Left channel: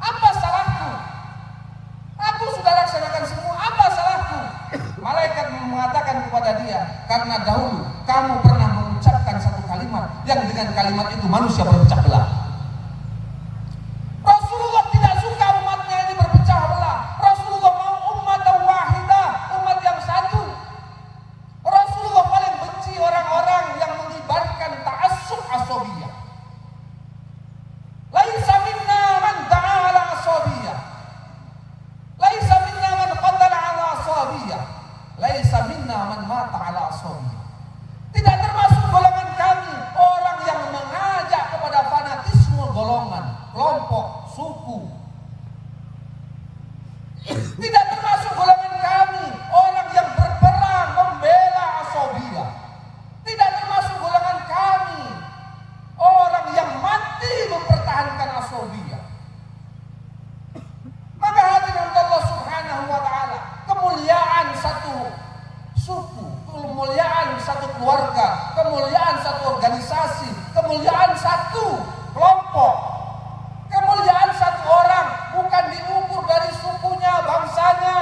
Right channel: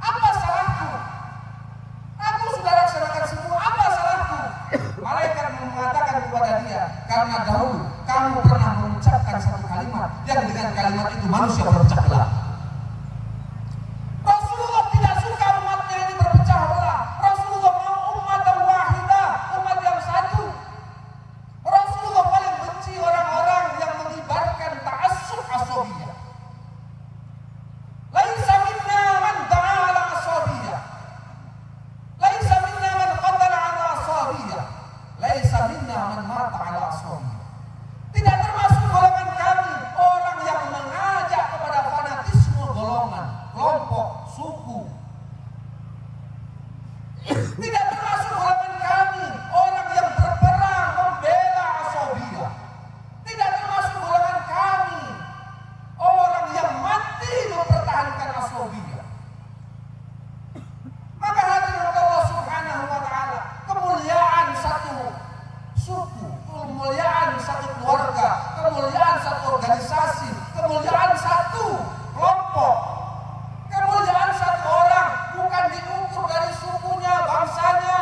Apa salahnya? waktu kamu pernah mengucapkan satu kalimat yang dengan kalimat itu manusia berpecah belah? Rasulullah tidak suka umatnya ini berpecah belah. Rasulullah mau umat wahidah, umat yang satu. Rasulullah paling benci orang-orang yang mengibarkan ta'assub asabiyah. Laisa minna man da'a ala asabiyah. Laisa minna man qatala ala asabiyah. Laisa minna man mata ala asabiyah. Tidak termasuk golongan kami orang yang mengajak kepada fanatisme golongan, kelompok, suku. Tidak termasuk golongan kami orang yang berperang membela asabiyah. Tidak termasuk golongan kami orang yang mati mempertahankan asabiyah. Maka hadirin Allah Subhanahu wa taala, kemuliaan satu suku, kemuliaan satu keluarga, kemuliaan satu organisasi, kemuliaan satu kelompok, kemuliaan satu orang bukan diukur dari sukunya, bangsanya,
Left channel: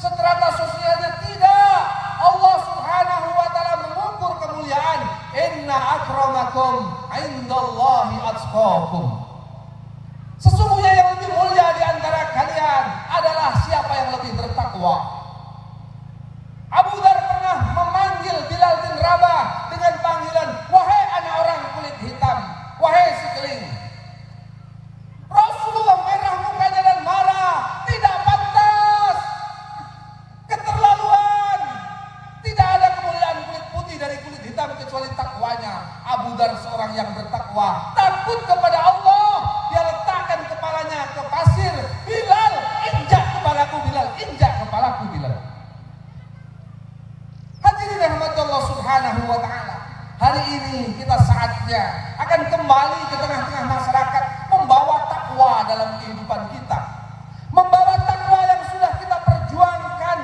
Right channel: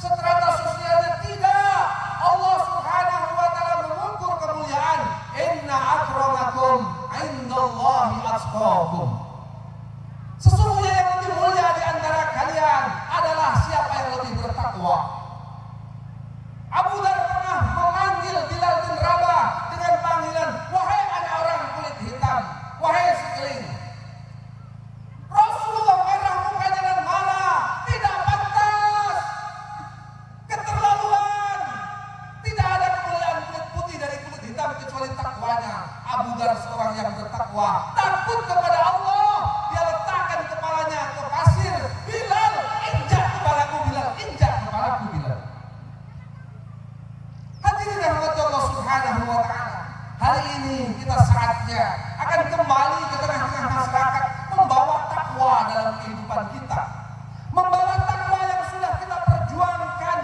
strata sosialnya, tidak. Allah Subhanahu wa taala mengukur kemuliaan, inna akramakum indallahi atqakum. Sesungguhnya yang lebih mulia di antara kalian adalah siapa yang lebih bertakwa. Abu Dzar pernah memanggil Bilal bin Rabah dengan panggilan, wahai anak orang kulit hitam, wahai si keling. Rasulullah merah mukanya dan marah, tidak pantas, keterlaluan. Tidak ada kemuliaan kulit putih dari kulit hitam kecuali takwanya. Abu Dzar seorang yang bertakwa, takut kepada Allah. Dia letakkan kepalanya ke pasir. Bilal, injak kepalaku Bilal, injak kepalaku Bilal. Hadirin rahmat Allah Subhanahu wa taala. Hari ini kita saatnya akan kembali ke tengah-tengah masyarakat, membawa takwa dalam kehidupan kita. Membawa takwa yang sudah kita perjuangkan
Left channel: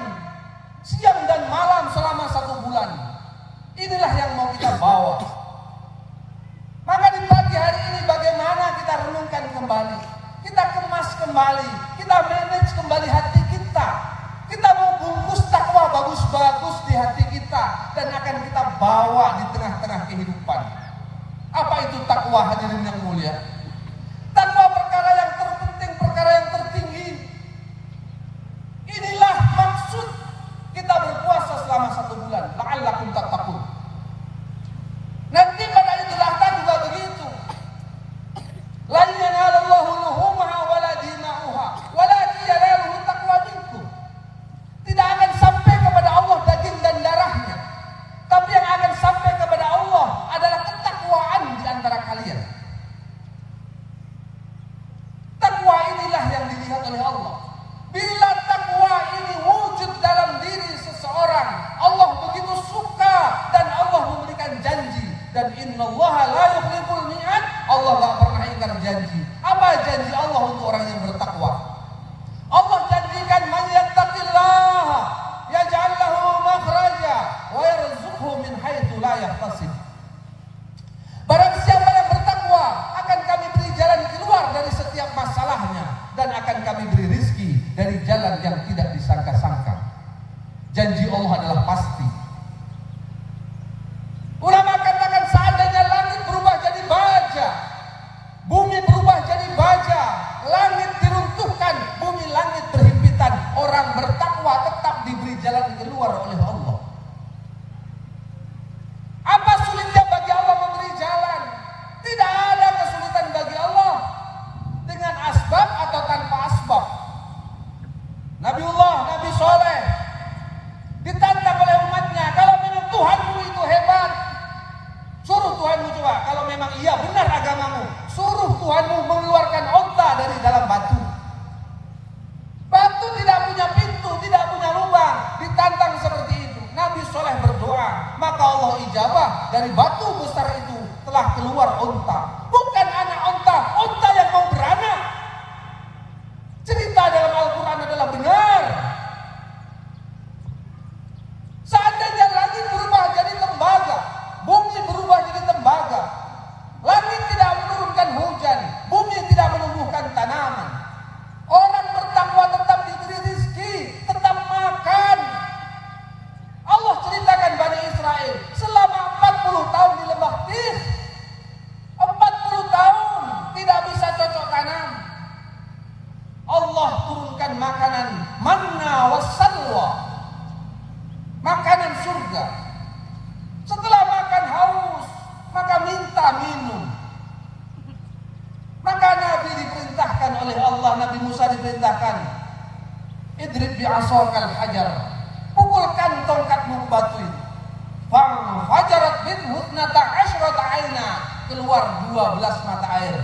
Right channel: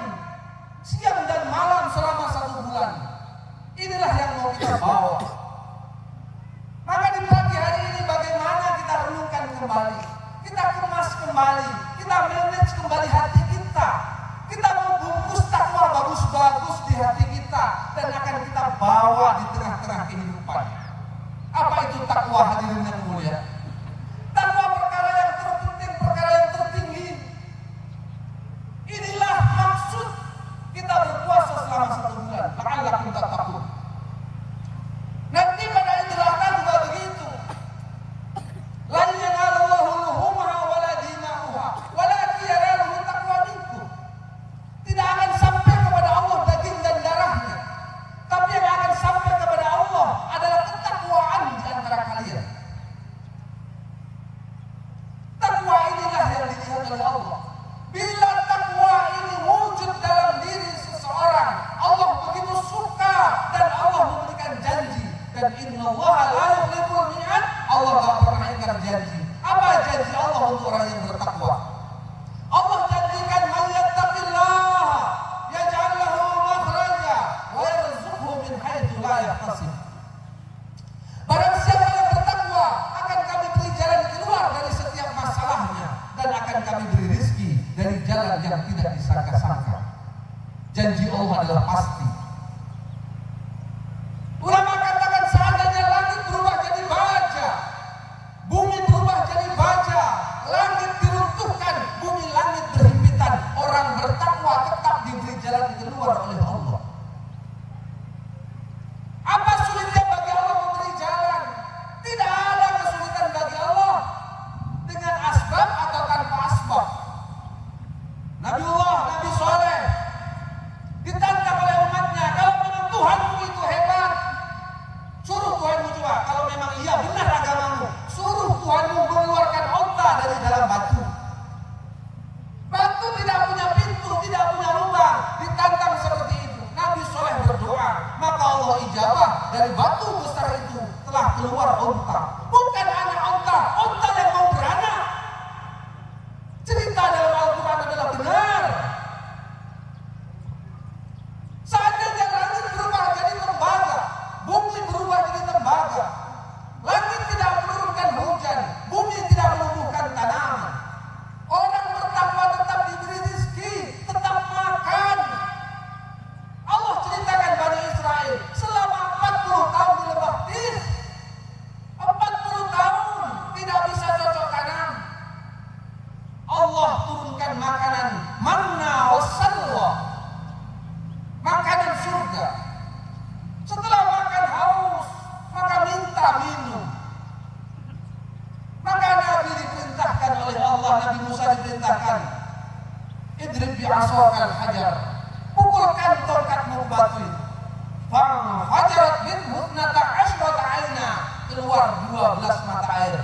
siang dan malam selama 1 bulan. Inilah yang mau kita bawa. Maka di pagi hari ini bagaimana kita renungkan kembali, kita kemas kembali, kita manage kembali hati kita. Kita mau bungkus takwa bagus-bagus di hati kita dan akan kita bawa di tengah-tengah kehidupan. Apa itu takwa, hadirin yang mulia? Takwa perkara yang terpenting, perkara yang tertinggi. Inilah maksud kita berpuasa selama 1 bulan. La'allakum tattaqun. Nanti pada Idul Adha juga begitu. La yanalullahu luhumha wala dima'uha walakin yanaluhu taqwa minkum. Tidak akan sampai kepada Allah daging dan darahnya, tapi yang akan sampai kepada Allah adalah ketakwaan di antara kalian. Takwa inilah yang dilihat oleh Allah. Bila takwa ini wujud dalam diri seseorang, Allah begitu suka dan Allah memberikan janji. Dan innallaha la yukhliful mi'ad, Allah gak pernah ingkar janji. Apa janji Allah untuk orang yang bertakwa? Allah janjikan, man yattaqillaha yaj'al lahu makhraja wa yarzuqhu min haitsu la yahtasib. Barang siapa yang bertakwa, akan kami beri jalan keluar dari setiap masalahnya dan akan kami beri rezeki dari jalan yang tidak disangka-sangka. Janji Allah adalah pasti. Ulama katakan seandainya langit berubah jadi baja, bumi berubah jadi baja, langit diruntuhkan, bumi langit berhimpitan, orang bertakwa tetap diberi jalan keluar oleh Allah. Apa sulit keluar 12 mata air.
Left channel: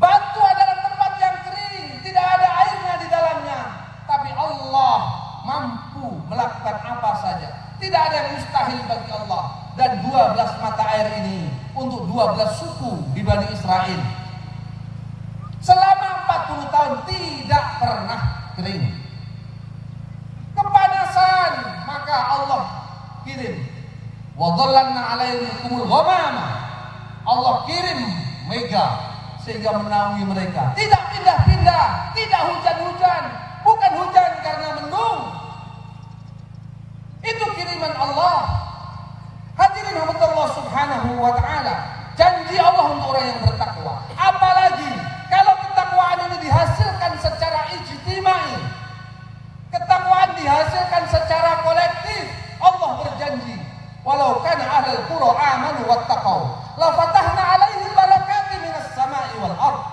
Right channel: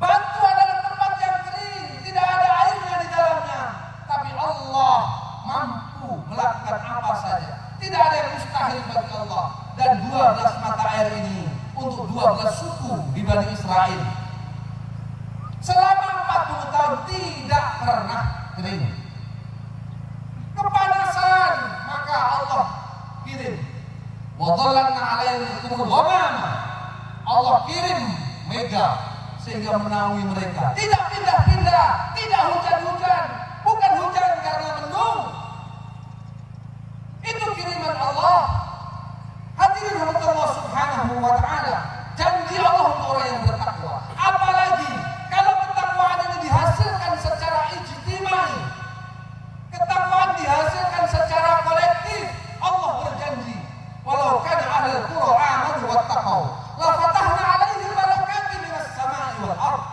Batu adalah tempat yang kering, tidak ada airnya di dalamnya, tapi Allah mampu melakukan apa saja. Tidak ada yang mustahil bagi Allah. Dan 12 mata air ini untuk 12 suku di Bani Israel selama 40 tahun tidak pernah kering. Kepanasan, maka Allah kirim wa dhallalna 'alaikumul ghamama. Allah kirim mega sehingga menaungi mereka. Tidak pindah-pindah, tidak hujan-hujan, bukan hujan karena mendung. Itu kiriman Allah. Hadirin rahmat Allah Subhanahu wa taala. Janji Allah untuk orang yang bertakwa. Apalagi kalau ketakwaan ini dihasilkan secara ijtimai. Ketakwaan dihasilkan secara kolektif. Allah berjanji, walau kana ahlul qura amanu wattaqau, la fatahna 'alaihim barakati minas sama'i wal ardh.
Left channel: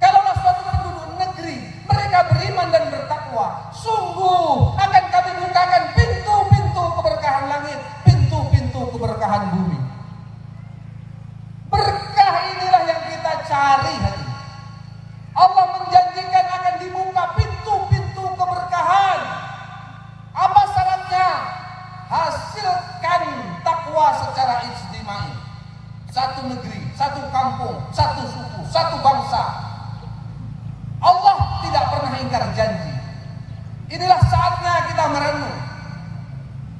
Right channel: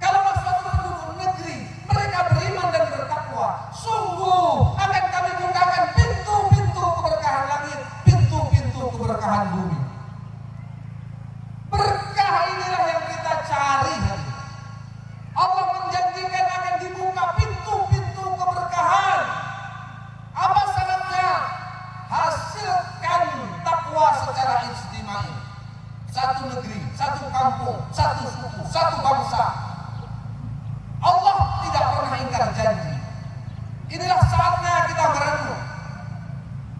Kalau suatu penduduk negeri mereka beriman dan bertakwa, sungguh akan kami bukakan pintu-pintu keberkahan langit, pintu-pintu keberkahan bumi. Berkah inilah yang kita cari. Allah menjanjikan akan dibuka pintu-pintu keberkahan. Apa syaratnya? Hasilkan takwa secara ijtimai. Satu negeri, satu kampung, satu suku, satu bangsa. Allah tidak pernah ingkar janji. Inilah saatnya kita merenung.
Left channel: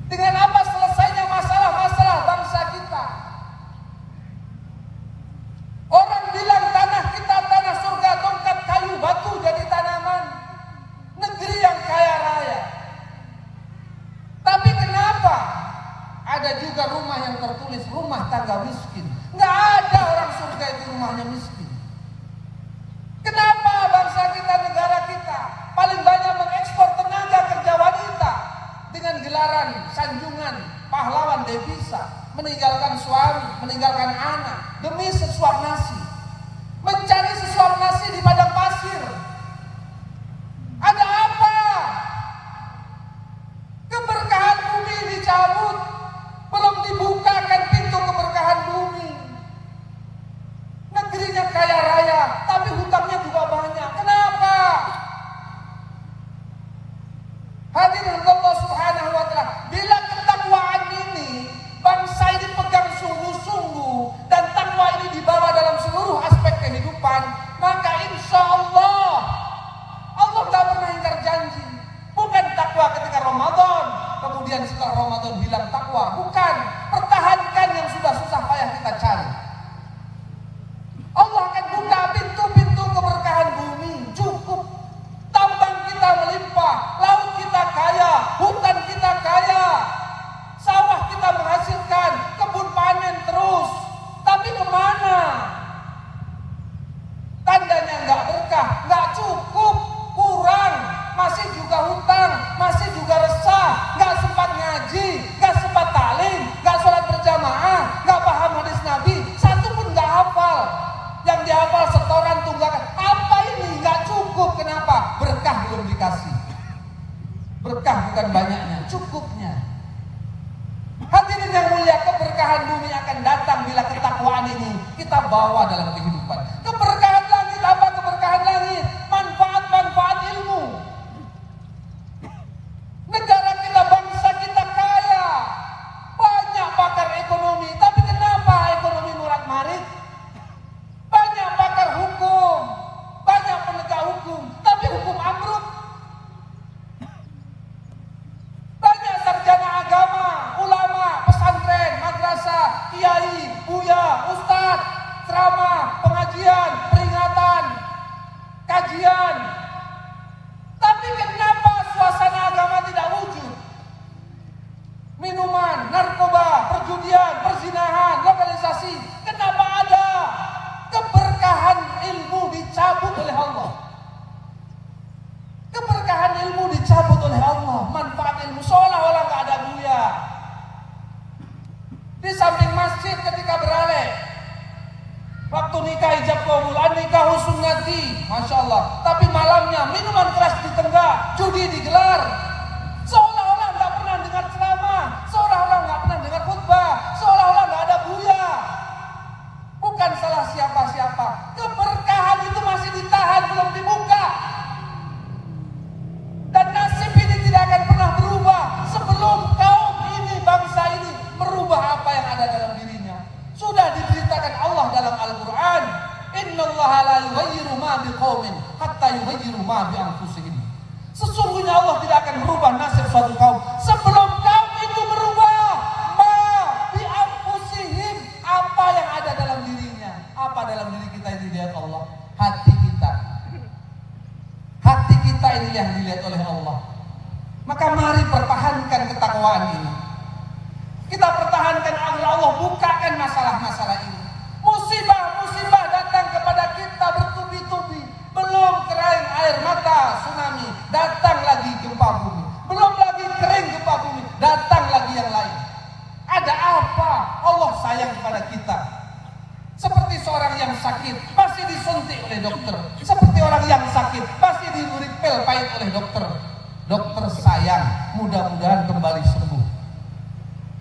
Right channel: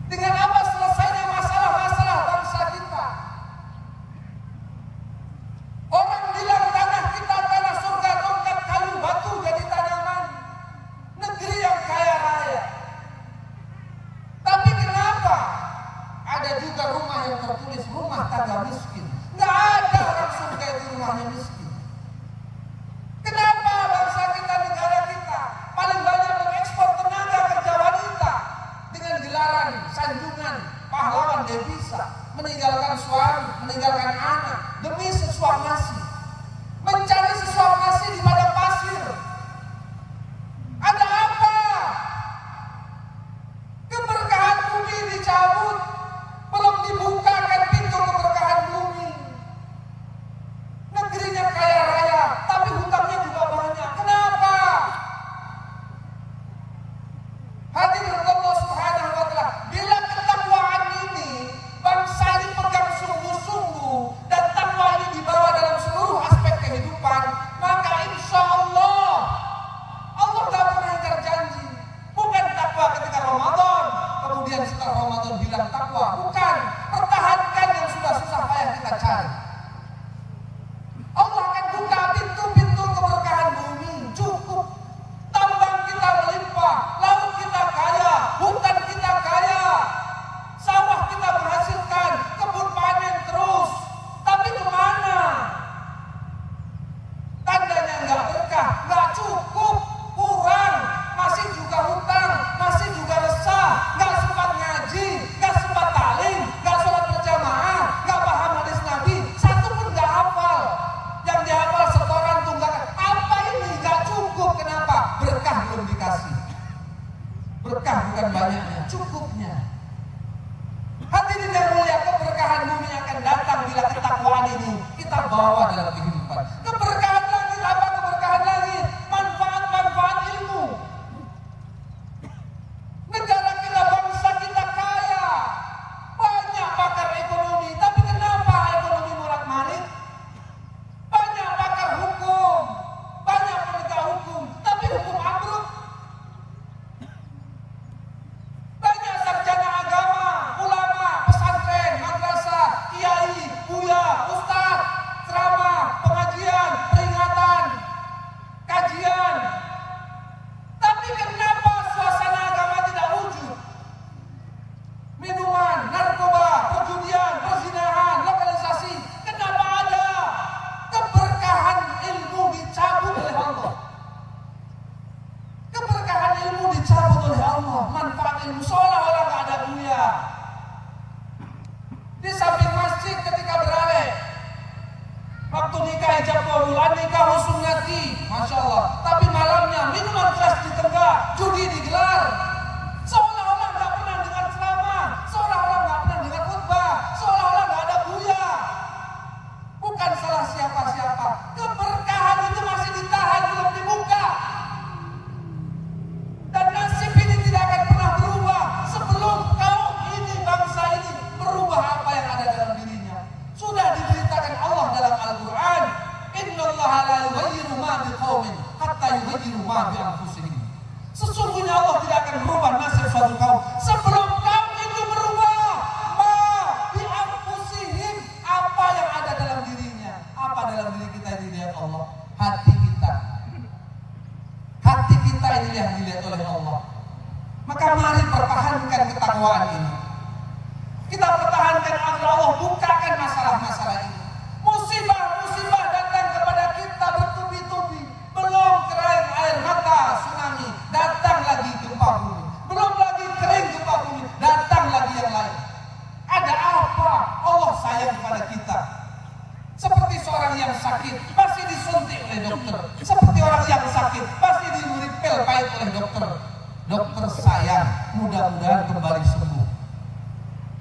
Dengan apa selesainya masalah-masalah bangsa kita? Orang bilang tanah kita tanah surga, tongkat kayu batu jadi tanaman. Negeri yang kaya raya. Tapi kenapa ada juga rumah yang tertulis rumah tangga miskin? Nggak ada orang surga itu rumahnya miskin. Kenapa bangsa kita, negara kita paling banyak mengekspor tenaga kerja wanita dengan gelaran sanjungan pahlawan devisa, meninggalkan suami, meninggalkan anak demi sesuap nasi, mencari sesuap nasi di padang pasir. Ada apa? Keberkahan bumi dicabut, belum dibukakan pintu keberkahan bumi. Negerinya kaya raya, tapi hutangnya juga banyak. Kenapa? Hadirin Allah Subhanahu wa taala, bila ketakwaan ini bangsa ini pegang sungguh-sungguh dan takwa ini dibawa dalam seluruh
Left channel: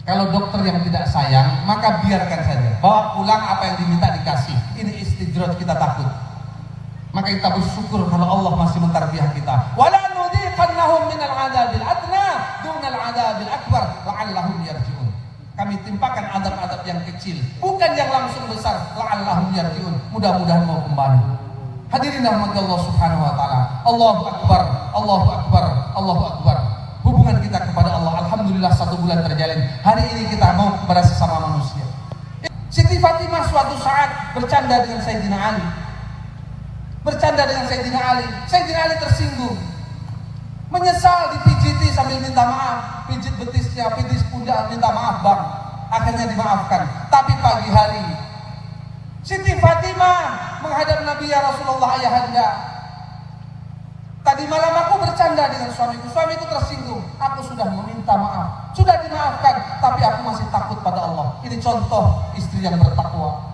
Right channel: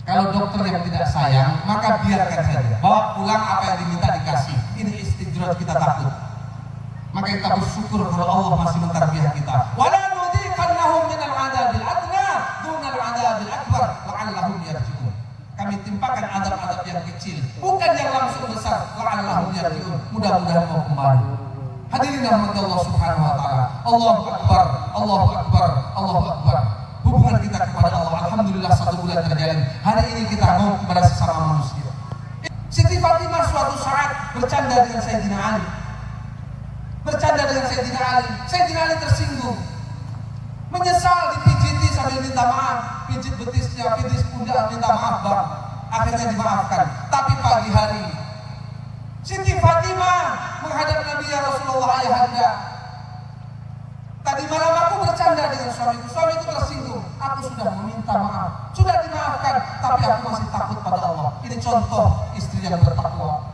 Kalau dokter yang tidak sayang, maka biarkan saja. Bawa pulang apa yang diminta dikasih. Ini istidraj, kita takut. Maka kita bersyukur kalau Allah masih mentarbiah kita. Wala nudziqannahum minal adzabil adna dunal adzabil akbar la'allahum yarji'un. Kami timpakan adab-adab yang kecil, bukan yang langsung besar. La'allahum yarji'un. Mudah-mudahan mau kembali. Hadirin rahmati Allah Subhanahu wa taala. Allahu akbar, Allahu akbar, Allahu akbar. Hubungan kita kepada Allah alhamdulillah 1 bulan terjalin. Hari ini kita mau kepada sesama manusia. Siti Fatimah suatu saat bercanda dengan Sayyidina Ali. Sayyidina Ali tersinggung, menyesal dipijiti sambil minta maaf, pijit betisnya, pijit pundak, minta maaf bang. Akhirnya dimaafkan. Tapi pagi hari Siti Fatimah menghadap Nabi, ya Rasulullah ayahanda, tadi malam aku bercanda dengan suamiku tersinggung, aku sudah meminta maaf, sudah dimaafkan, tapi aku masih takut pada Allah. Ini contoh istri yang bertakwa.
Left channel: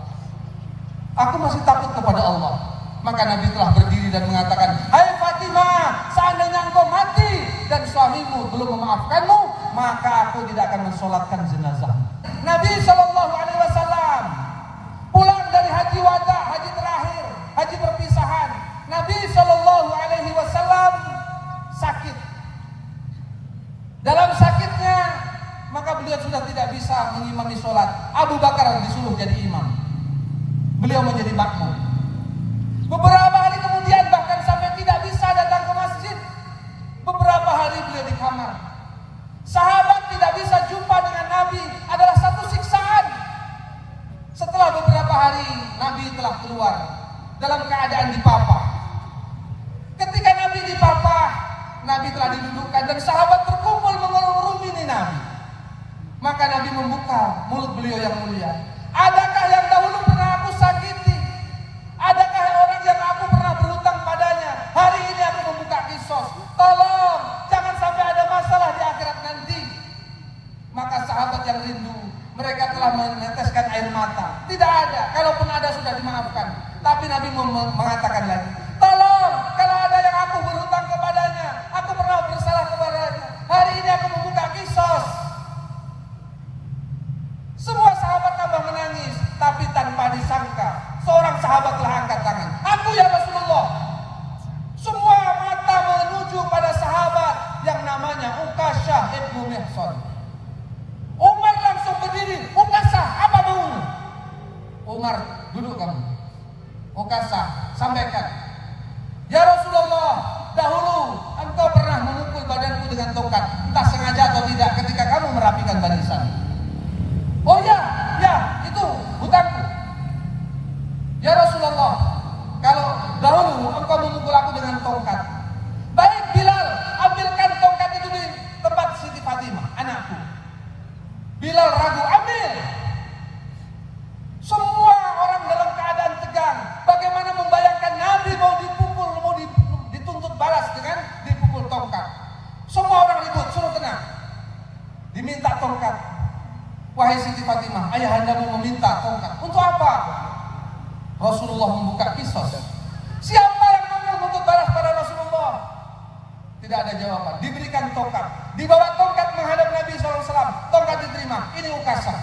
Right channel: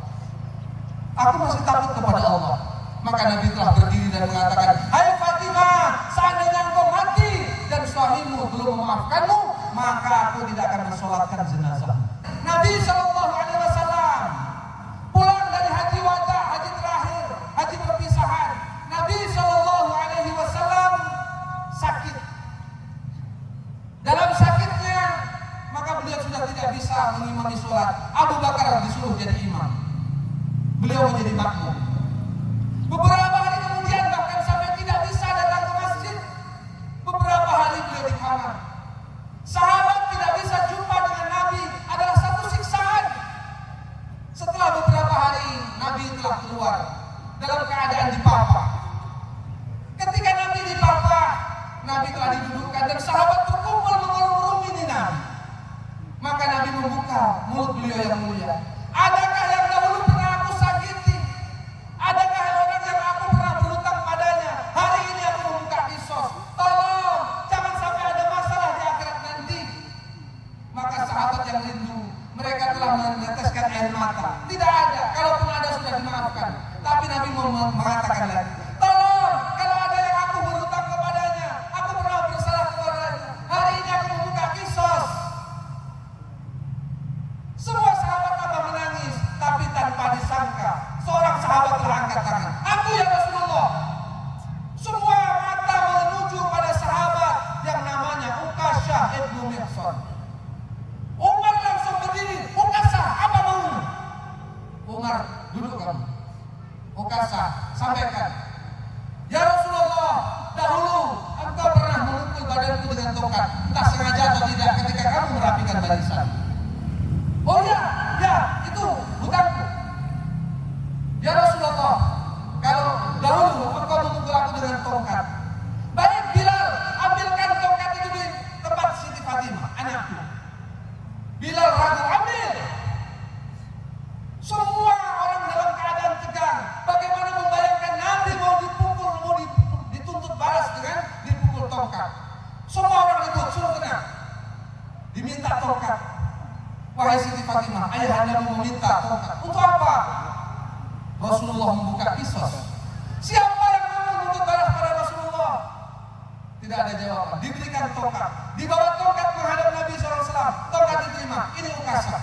Aku masih takut kepada Allah. Maka Nabi telah berdiri dan mengatakan, hai Fatimah, seandainya engkau mati dan suamimu belum memaafkanmu, maka aku tidak akan mensolatkan jenazah. Nabi SAW pulang dari haji wada, haji terakhir, haji perpisahan. Nabi SAW sakit. Dalam sakitnya, maka beliau sudah tidak bisa mengimami sholat. Abu Bakar disuruh jadi imam. Beliau menjadi makmum. Beberapa hari kemudian bahkan sampai tidak bisa datang ke masjid. Beberapa hari beliau di kamar. Sahabat tidak bisa jumpa dengan Nabi, adalah satu siksaan. Setelah beberapa hari Nabi telah keluar dalam keadaan dipapah. Ketika Nabi dipapah, Nabi telah didudukkan dan sahabat berkumpul mengerumuni Nabi. Maka Nabi membuka mulut beliau yang mulia. Adakah yang dahulu pernah aku sakiti? Adakah orang yang aku pernah berhutang padanya? Hari ini aku membuka kisos. Tolong, jangan sampai ada masalah di akhirat nanti. Maka sahabat yang rindu, mereka telah meneteskan air mata. Tidak ada, kalaupun ada sudah dimaafkan. Tapi Nabi mengatakan lagi, tolong, kalau ada yang aku berhutang kepadanya, aku pernah bersalah kepadanya, hari ini aku membuka kisos. Semua sahabat tambah menangis, tapi tanpa disangka seorang sahabat telah angkat tangan. Aku ya Rasulullah. Semua mata menuju pada sahabat yang namanya Uqasyah ibnu Mihsan. Umar langsung berdiri. Uqasyah, apa mau? Umar, duduk kamu. Uqasyah, sampaikan. Ya Rasulullah, dahulu engkau pernah memukul badanku dengan tongkat, entah sengaja atau tidak, ketika kamu merapikan barisan. Oh ya, itu hutangku. Ya Rasulullah, kalau dahulu engkau memukul aku dengan tongkat, baik Bilal, ambilkan tongkat itu di tempat Siti Fatimah, anakku. Bilal ragu, ambil. Semua orang dalam keadaan tegang. Bagaimana membayangkan Nabi mau dipukul, mau dituntut balas dengan dipukul tongkat. Semua orang ribut, suruh tenang. Diminta tongkat. Wahai Siti Fatimah, ayahandamu meminta tongkat. Untuk apa? Rasulullah membuka kisos. Siapa yang mau menuntut balas pada Rasulullah? Tidak ada jawaban. Diberikan tongkat. Dibawa tongkat menghadap Nabi SAW. Tongkat diterima. Ini Uqasyah.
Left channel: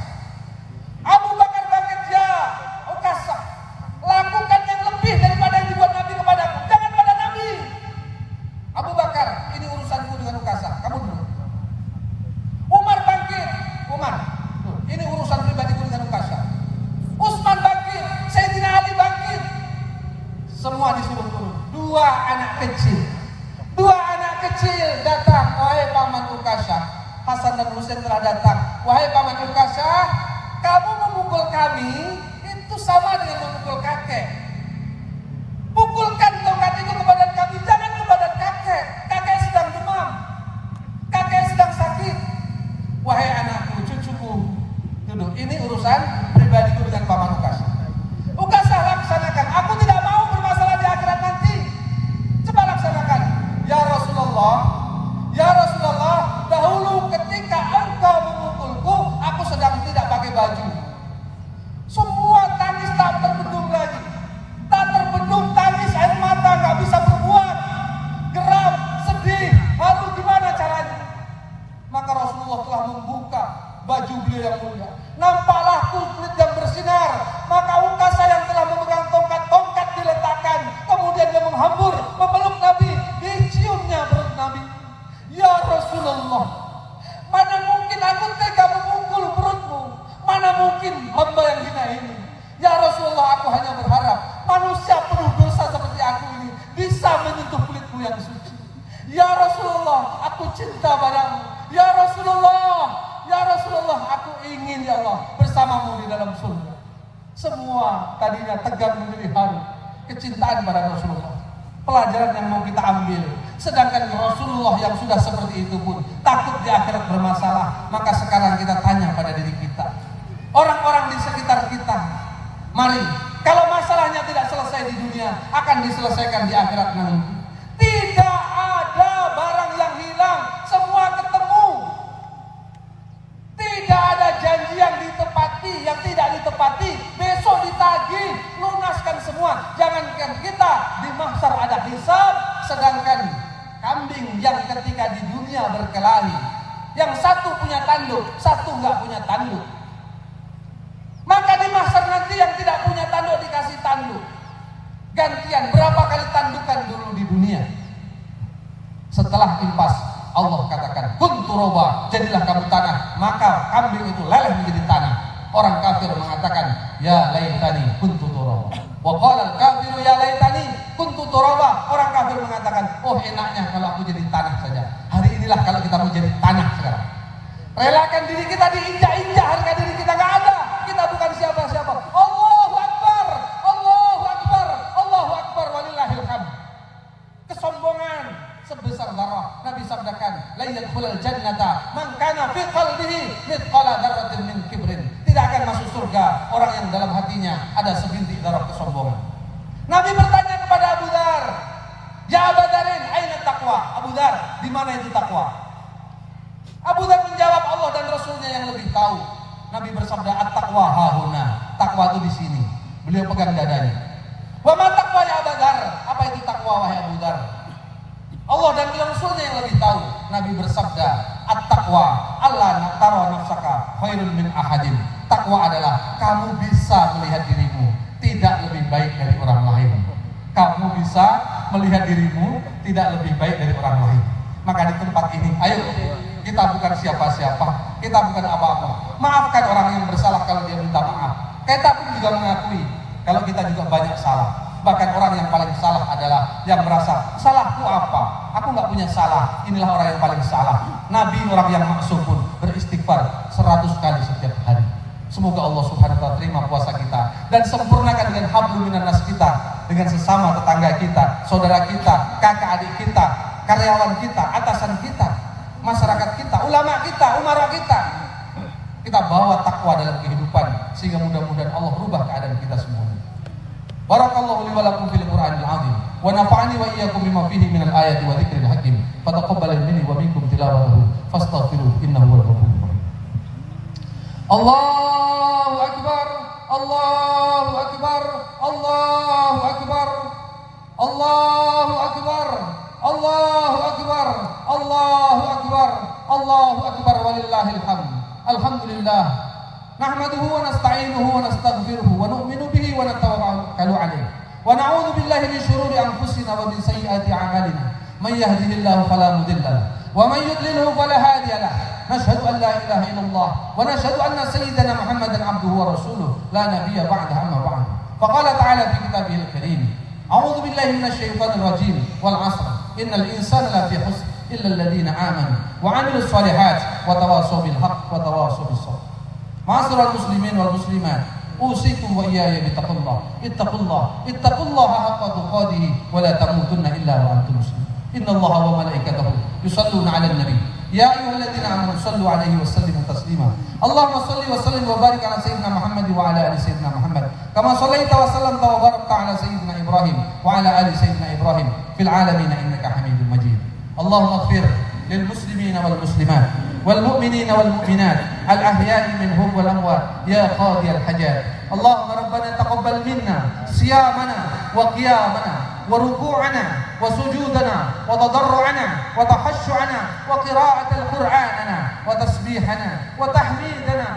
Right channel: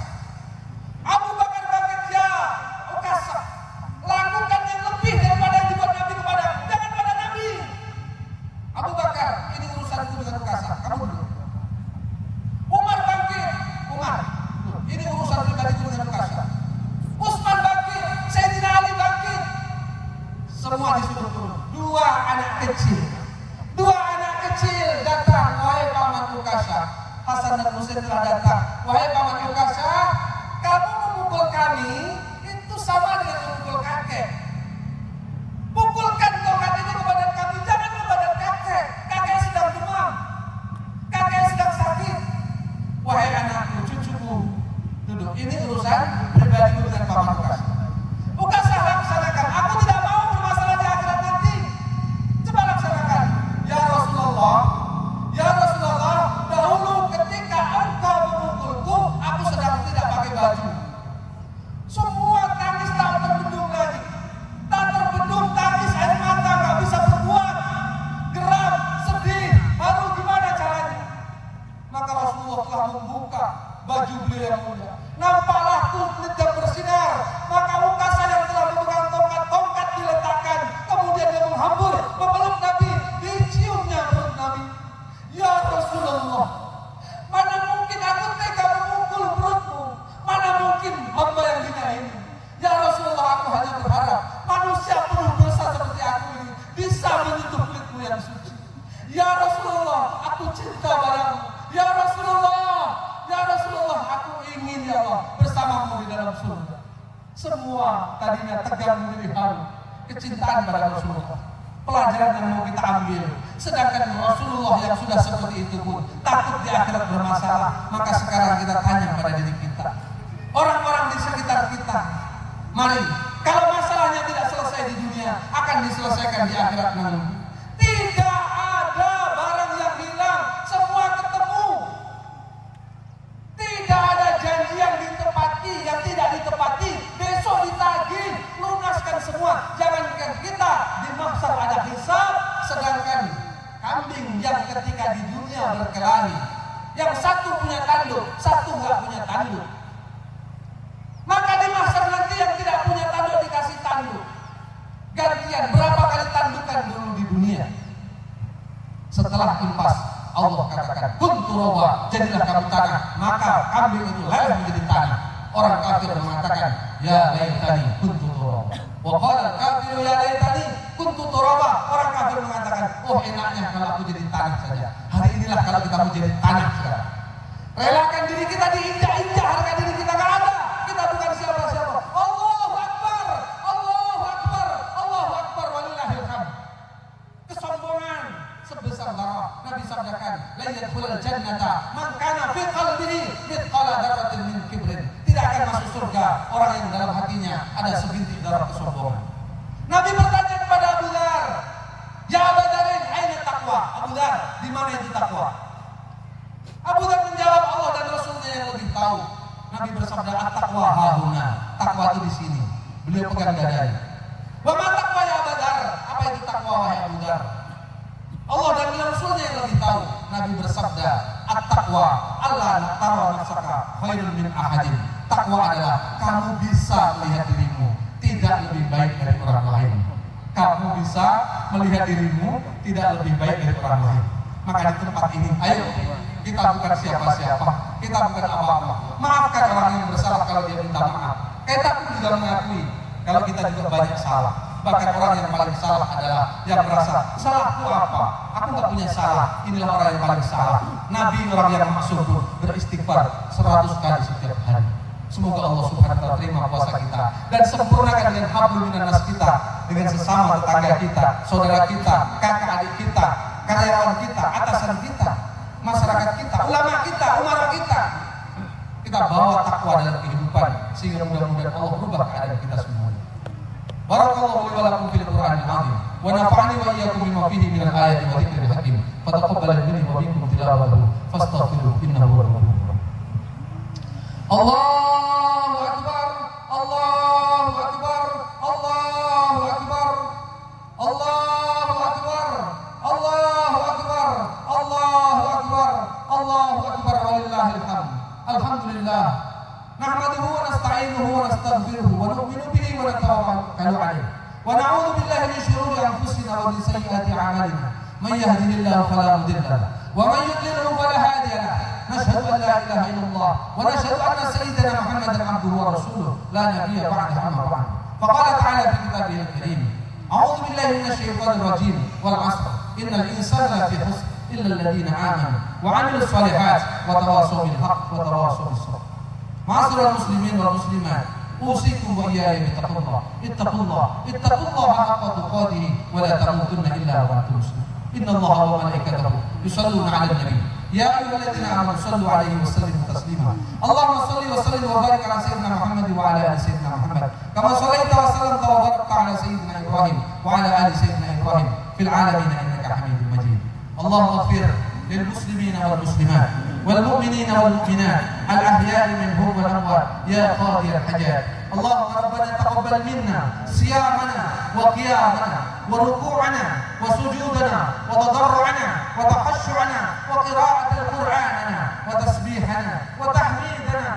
Abu Bakar bangkit, ya Uqasyah, lakukan yang lebih daripada yang dibuat Nabi kepadamu. Jangan pada Nabi. Abu Bakar, ini urusanku dengan Uqasyah. Kamu dulu. Umar bangkit. Umar, ini urusan pribadiku dengan Uqasyah. Utsman bangkit. Sayyidina Ali bangkit. Semua disuruh turun. Dua anak kecil datang. Wahai paman Uqasyah, Hasan dan Husain telah datang. Wahai paman Uqasyah, kamu memukul kami itu sama dengan memukul kakek. Pukulkan tongkat itu ke badan kami, jangan ke badan kakek. Kakek sedang demam, kakek sedang sakit. Wahai anakku, cucuku, duduk. Ini urusan pribadiku dengan paman Uqasyah. Uqasyah, laksanakan. Aku tidak mau bermasalah di akhirat nanti. Coba laksanakan. beliau yang mulia. Nampaklah kulit yang bersinar, maka ukasa yang telah memegang tongkat diletakkan, kemudian dia menghambur memeluk Nabi, diciumnya perut Nabi. Ya Rasulullah, mana mungkin aku tega memukul perutmu, mana mungkin hamba yang hina ini. Ya Rasulullah, aku hanya berharap manusia penuh dosa seperti aku ini bisa menyentuh kulitmu yang suci. Ya Rasulullah, aku cinta padamu. Ya Rasulullah, aku ingin ya Allah bersamamu di dalam surga. Semua tadinya tegang menjadi haru, kecintaan pada Rasulullah. Pelajaran yang mau kita ambil. Sedangkan Rasulullah yang sudah seperti itu pun takut di akhirat bermasalah. Maka sekarang kita tanya pada diri kita, orang-orang di sekitar kita, mari, kalau masalahnya tidak selesai di dunia, akan diselesaikan di akhirat nanti. Tidak ada barang yang hilang, semua ketemu. Tidak ada janji yang ditepati, yang tidak ditepati, besok ditagih, lunaskan semua. Jangankan kita, di mahsyar ada hisab, sedangkan kambing yang ketika di dunia berkelahi, yang satu punya tanduk, satu nggak punya tanduk. Maka di mahsyar nanti yang tidak punya tanduk dikasih tanduk. Gantian berapa kali tandukan dulu di dunia. Setelah impas, Allah katakan, kuntu roba, jadilah kamu tanah. Maka kambing itu leleh menjadi tanah. Orang kafir mengatakan, ya laitani kuntu turaba. Wa qala al-kafiru ya laitani kuntu turaba. Orang kafir mengatakan, oh enaknya kalau aku jadi tanah saja. Hari inilah kalau kita mau jadi tanah sekarang. Relakan diri kita diinjak-injak, harga diri kita nggak ada. Kita bukan siapa-siapa. Allahu Akbar, Allahu Akbar, Allahu Akbar, walillahil hamd. Kesombongan sebesar darah. Nabi sabdakan, la yadkhulul jannata man kana fi qalbihi mithqala dzarratin min kibrin. Tidak akan masuk surga orang yang dalam hatinya ada sebintik darah kesombongan. Nabi bertanya kepada Abu Dzar, ya Abu Dzarin, aina taqwa? Abu Dzar, di mana itu takwa? Abu Dzar menjawab, Allah dan Rasulnya yang lebih tahu. Nabi bersabda, at-taqwa hahuna. Takwa itu di sini. Beliau pegang dadanya. Wa ma taqwa ya Abu Dzar? Apa itu takwa wahai Abu Dzar? Allah dan Rasulnya yang lebih tahu. Nabi bersabda, at-taqwa alla tara nafsaka khairun min ahadin. Takwa adalah kamu bisa melihat dirimu tidak lebih baik dari orang lain. Kamu bisa melihat dirimu tidak lebih baik dari orang lain. Maka di tempat ini, ayo, kita bukan siapa-siapa, kita bukan apa-apa. Maafkan orang yang bersalah kalau dia minta maaf. Kita pun juga mengakui kalau kita juga banyak salah. Bahkan orang yang paling salah adalah yang merasa, salahku apa? Aku nggak punya salah. Inilah orang yang paling salah. Nabi, orang yang maksum pun beristighfar 100 kali setiap hari. Semoga Allah Subhanahu wa ta'ala terima puasa kita dan sempurnakan dengan hablum minan nas kita, dengan sesama tetangga kita, saudara kita, kakak adik kita, karyawan kita, atasan kita, masyarakat kita, ulama kita, umara kita. Kita bawa takwa dalam kehidupan sehingga mudah-mudahan Allah rubah keadaan kita semuanya. Barakallahu li wa lakum fil Qur'anil azim wa nafa'ani wa iyyakum bima fihi minal ayati wa dzikril hakim. Fataqabbal minni wa minkum tilawatahu fastaghfiruhu innahu huwal ghafurur rahim. Allahu akbar, Allahu akbar, Allahu akbar, Allahu akbar, Allahu akbar, Allahu akbar, Allahu akbar, walillahil hamd. Alhamdulillah. Nahmaduhu wa nasta'inuhu wa nastaghfiruhu wa nu'minu bihi wa natawakkalu alayh. Wa na'udzu billahi min shururi anfusina wa min sayyiati a'malina. Man yahdihillahu fala mudilla lahu wa man yudlilhu fala hadiya lahu. Nashhadu an la ilaha illallah wa nashhadu anna sayyidana Muhammadan 'abduhu wa rasuluhu la nabiyya ba'dahu amma ba'd. Faqala ta'ala fi kitabihil karim, a'udzu billahi minasy syaithanir rajim wal 'asr innal insana lafi khusr illa alladhina amanu wa 'amilus shalihat wa tawassaw bil haqq wa tawassaw bis sabr. Ma'asyiral muslimin wal muslimat, usikum wa iyaya bittaqullah. Ittaqullaha haqqa tuqatih wa la tamutunna illa wa antum muslimun. Innallaha wa malaikatahu yusalluna 'alan nabi. Ya ayyuhalladzina amanu sallu 'alaihi wa sallimu taslima. Allahumma shalli wa sallim wa barik 'ala sayyidina Muhammad wa 'ala ali sayyidina Muhammad. Kama shallaita wa sallamta wa barakta 'ala sayyidina Ibrahim wa 'ala ali sayyidina Ibrahim fil 'alamin innaka Hamidum Majid. Allahumma ighfir lil muslimin wal muslimat wal mu'minin wal mu'minat al ahya'i minhum wal amwat ya qadiyal hajat. Allahumma rabbana taqabbal minna siyamana wa qiyamana وركوعنا وسجودنا وتضرعنا وتخشعنا وقراءة القرآننا وتسبيحنا وتحميدنا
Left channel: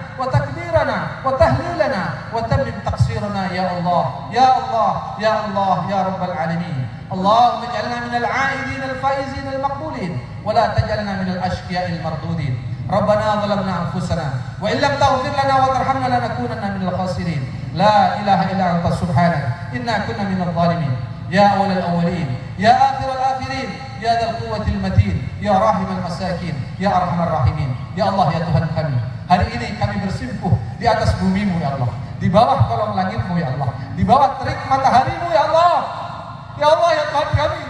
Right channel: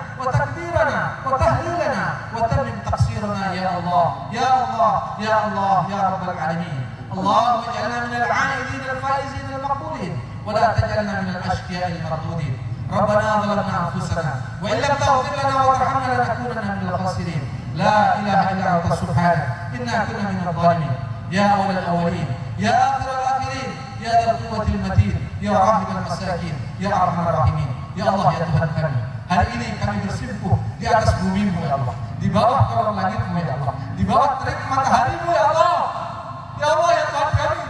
ya Allah ya Rabbal Alamin. Allahumma ij'alna minal 'aidin al-faizin al-maqbulin wa la taj'alna minal ashqiya'il mardudin. Rabbana zalamna anfusana wa in lam taghfir lana wa tarhamna lanakunanna minal khasirin. La ilaha illa anta subhanaka inna kunna minadh dhalimin. Ya awwalal awwalin, ya akhiral akhirin, ya dzal quwwatil matin, ya rahimul masakin, ya arhamar rahimin. Ya Allah ya Tuhan kami, hari ini kami bersimpuh di atas bumi-Mu ya Allah, di bawah kolong langit-Mu ya Allah, di bawah terik matahari-Mu ya Allah. Ya Allah ya Tuhan kami,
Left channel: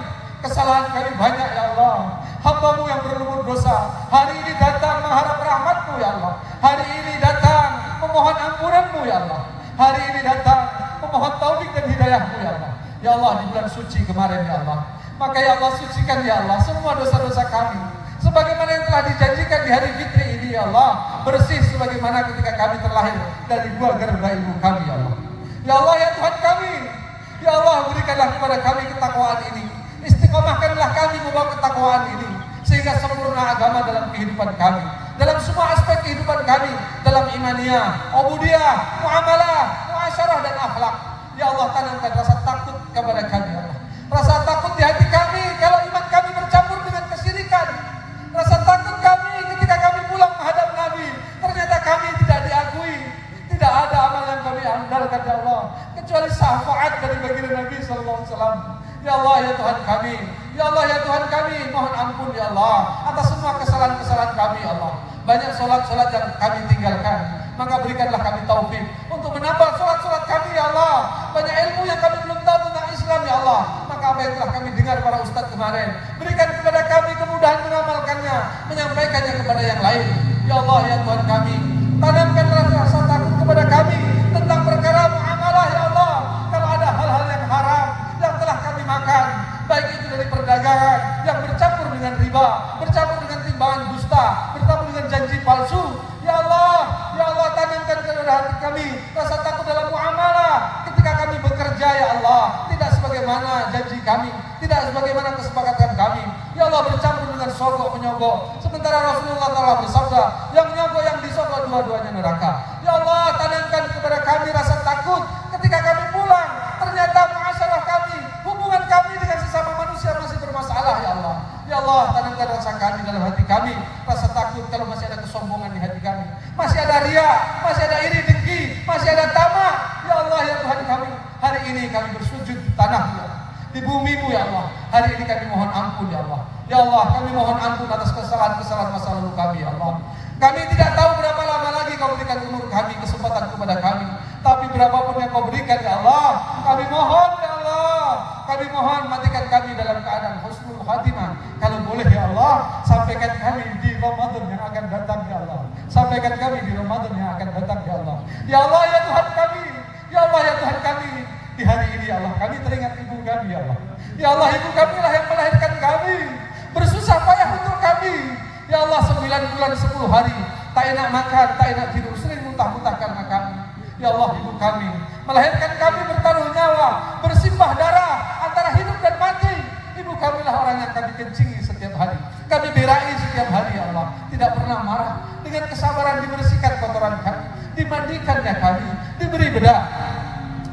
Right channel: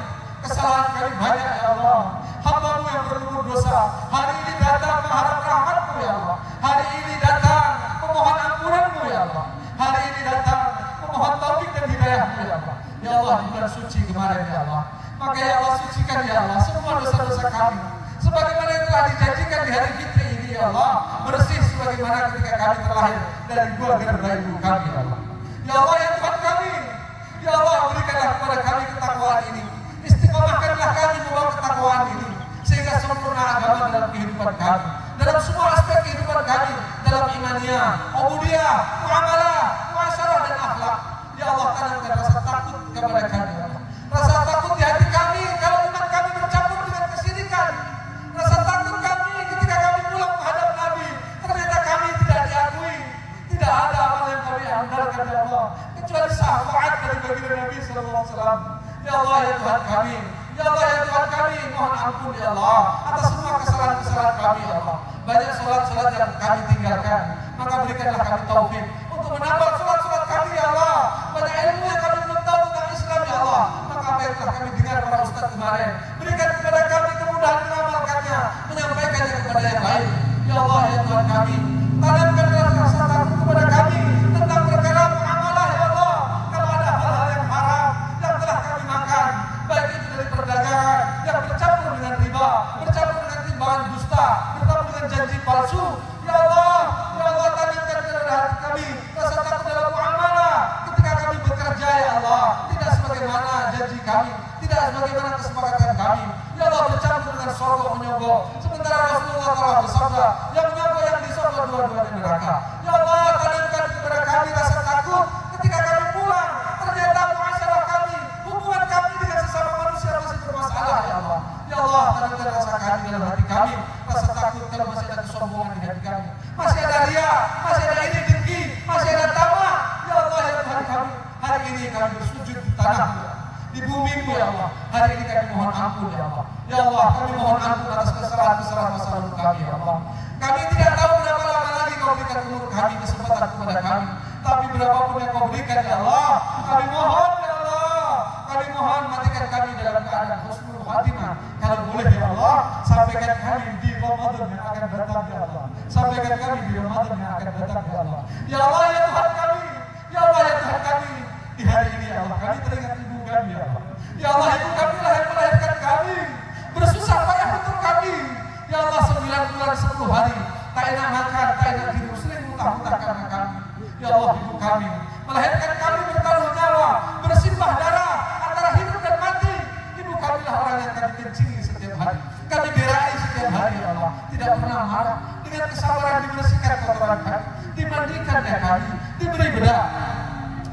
kesalahan kami banyak ya Allah. Hamba-Mu yang berlumur dosa hari ini datang mengharap rahmat-Mu ya Allah. Hari ini datang memohon ampunan-Mu ya Allah. Hari ini datang memohon taufik dan hidayah-Mu ya Allah. Ya Allah, di bulan suci kemarin ya Allah, maka ya Allah sucikan ya Allah semua dosa-dosa kami, sebagaimana yang telah dijanjikan di hari fitri ini ya Allah, bersih sebagaimana ketika kami terlahir dari keluarga ibu kami ya Allah. Ya Allah ya Tuhan kami, ya Allah berikanlah kepada kami ketakwaan ini, istiqomahkanlah kami membawa ketakwaan ini, sehingga sempurna agama dalam kehidupan kami, dalam semua aspek kehidupan kami, dalam imaniyah, ubudiyah, muamalah, muasyarah dan akhlak. Ya Allah, tanamkan rasa takut kepada kami ya Allah. Rasa takut di hati kami kalau iman kami bercampur dengan kesyirikan. Rasa takut kami ketika kami pulang menghadap Nabi, ternyata kami tidak diakui. Tidak ada amal yang kami andalkan ya Allah, kecuali syafaat dari baginda Nabi SAW. Ya Allah ya Tuhan kami, ya Allah ya Tuhan kami, mohon ampun ya Allah atas semua kesalahan-kesalahan kami ya Allah. Banyak sholat-sholat yang kami tinggalkan, maka berikanlah kami taufik untuk menambah sholat-sholat kami ya Allah. Banyak ilmu yang kami belum tahu tentang Islam ya Allah, maka apa yang telah kami dengar para ustaz kemarin, berikan kepada kami kemudahan mengamalkannya, menyampaikannya kepada yang lain. Ya Allah ya Tuhan kami, tanamkanlah rasa takut kepada kami tentang perkara muamalah ya Allah. Kalau ada hal-hal yang haram yang telah kami makan, baik itu dari perdagangan yang bercampur dengan riba, bercampur dengan timbangan dusta, bercampur dengan janji palsu, ya Allah tanamkan kepada hati kami rasa takut dalam muamalah ketika kami bekerja ya Allah, tidak sebagaimana janji kami, tidak sebagaimana kesepakatan kami. Ya Allah, bercampur dengan sogok menyogok, sementara Rasulullah telah bersabda, yang menyogok yang disogok dua-duanya neraka. Ya Allah, tanamkan kepada kami rasa takut ketika kami pulang, ternyata muasyarah kami, hubungan kami dengan sesama manusia masih bermasalah ya Allah. Ya Allah, tanamkan rasa kami dalam hati kami, rasa takut kalau masih ada kesombongan di hati kami, masih ada ria, masih ada iri dengki, masih ada tamak. Ya Allah ya Tuhan kami, hari ini kami bersujud di tanah-Mu, di bumi-Mu ya Allah. Hari ini kami mohon ampun ya Allah. Ya Allah, kami mohon ampun atas kesalahan-kesalahan masa lalu kami ya Allah. Kami tidak tahu berapa lama lagi Kau berikan umur kami, kesempatan kepada kami, tapi berapapun yang Kau berikan ya Allah, kami mohon ya Allah, kami mohon matikan kami dalam keadaan husnul khatimah. Kalau boleh ya Allah, sampaikan kami di Ramadan yang akan datang ya Allah. Sampaikan kami di Ramadan yang akan datang ya Allah. Ya Allah ya Tuhan kami, ya Allah ya Tuhan kami, di hari ini ya Allah, kami teringat ibu kami ya Allah. Ya Allah, ibu kami lah yang melahirkan kami, bersusah payah untuk kami. Ya Allah, 9 bulan 10 hari, tak enak makan, tak enak tidur, sering muntah-muntah karena kami. Ya Allah, ibu kami melahirkan kami bertaruh nyawa, bersimbah darah antara hidup dan mati. Ibu kami lah orang yang kami kencingi setiap hari, kami berai setiap hari ya Allah. Tidak pernah marah, dengan kesabaran dibersihkan kotoran kami, dimandikannya kami, diberi bedak,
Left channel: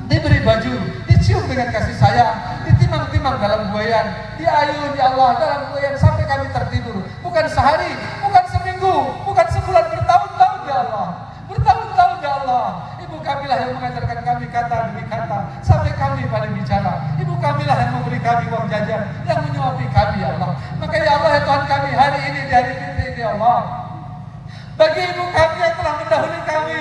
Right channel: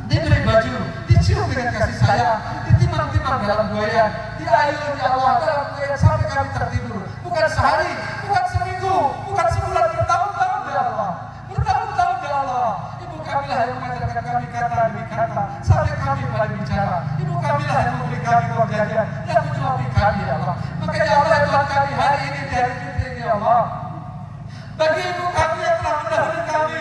diberi baju, dicium dengan kasih sayang, ditimang-timang dalam buayan, diayun ya Allah dalam buayan sampai kami tertidur. Bukan sehari, bukan seminggu, bukan sebulan, bertahun-tahun ya Allah, bertahun-tahun ya Allah. Ibu kami lah yang mengajarkan kami kata demi kata sampai kami pada bicara. Ibu kami lah yang memberi kami uang jajan, yang menyuapi kami ya Allah. Maka ya Allah ya Tuhan kami, hari ini di hari fitri ini ya Allah, bagi ibu kami yang telah mendahului kami,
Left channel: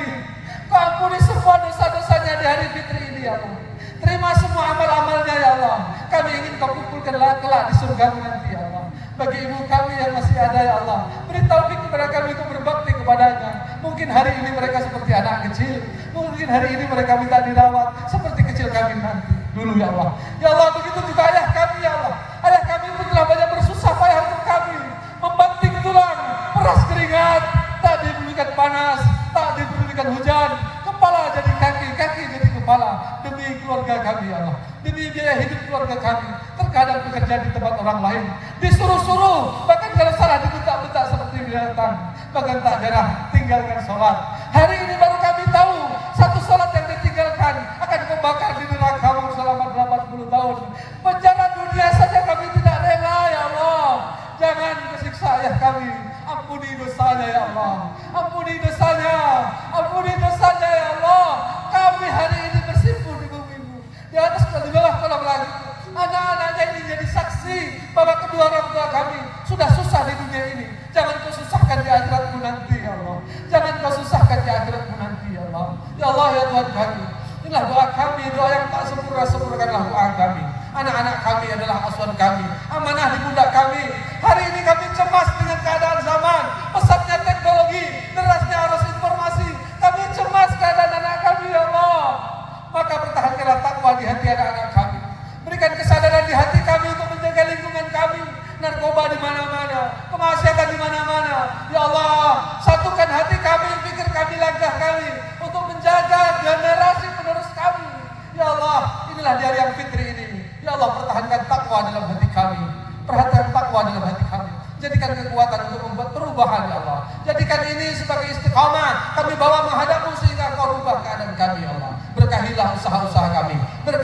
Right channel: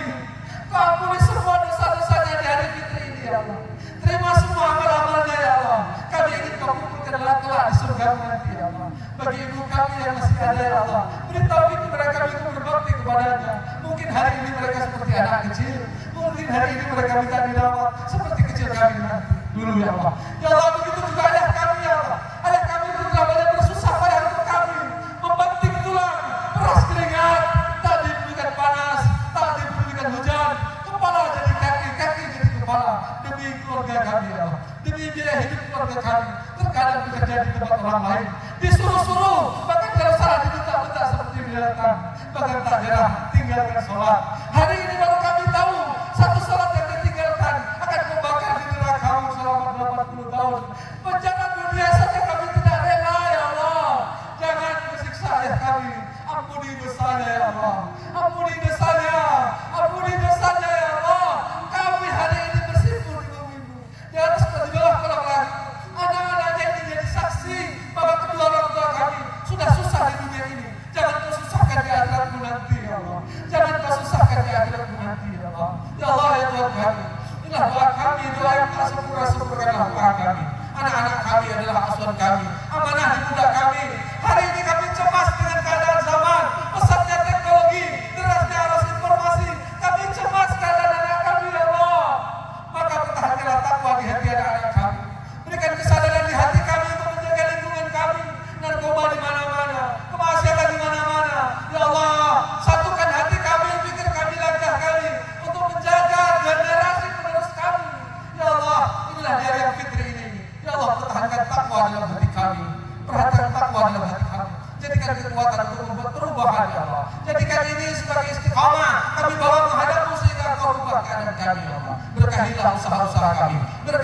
Kau ampuni semua dosa-dosanya di hari fitri ini ya Allah. Terima semua amal-amalnya ya Allah. Kami ingin Kau kumpulkan kelak di surga nanti ya Allah. Bagi ibu kami yang masih ada ya Allah, beri taufik kepada kami untuk berbakti kepadanya. Mungkin hari ini mereka seperti anak kecil, mungkin hari ini mereka minta dirawat seperti kecil kami nanti dulu ya Allah. Ya Allah, begitu juga ayah kami ya Allah. Ayah kami pun telah banyak bersusah payah untuk kami, membanting tulang, peras keringat, tak diberikan panas, tak diberikan hujan, kepala jadi kaki, kaki jadi kepala, demi keluarga kami ya Allah, demi biaya hidup keluarga kami. Terkadang bekerja di tempat orang lain, disuruh-suruh, bahkan kalau salah dibentak-bentak seperti binatang, bahkan tak jarang tinggalkan sholat. Hari ini baru kami tahu, satu sholat yang ditinggalkan akan kau bakar di neraka selama berapa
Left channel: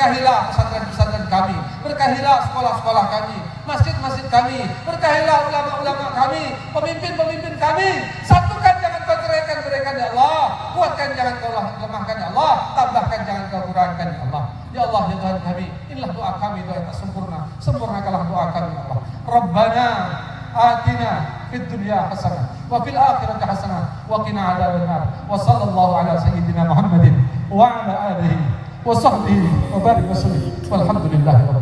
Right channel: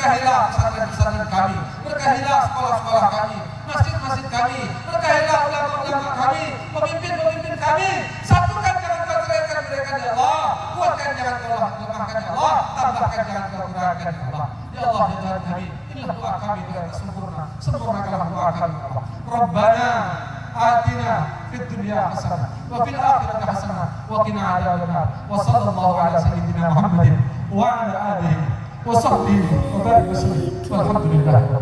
Berkahilah pesantren-pesantren kami, berkahilah sekolah-sekolah kami, masjid-masjid kami, berkahilah ulama-ulama kami, pemimpin-pemimpin kami. Satukan, jangan kau ceraikan mereka ya Allah. Kuatkan, jangan kau lemahkan ya Allah. Tambahkan, jangan kau kurangkan ya Allah. Ya Allah, ya Tuhan kami, inilah doa kami, doa yang tak sempurna. Sempurnakanlah doa kami ya Allah. Rabbana atina fid dunya hasanah wa fil akhirati hasanah wa qina adzabannar. Wa sallallahu ala sayyidina Muhammadin wa ala alihi wa sahbihi wa barik wa sallim. Walhamdulillah.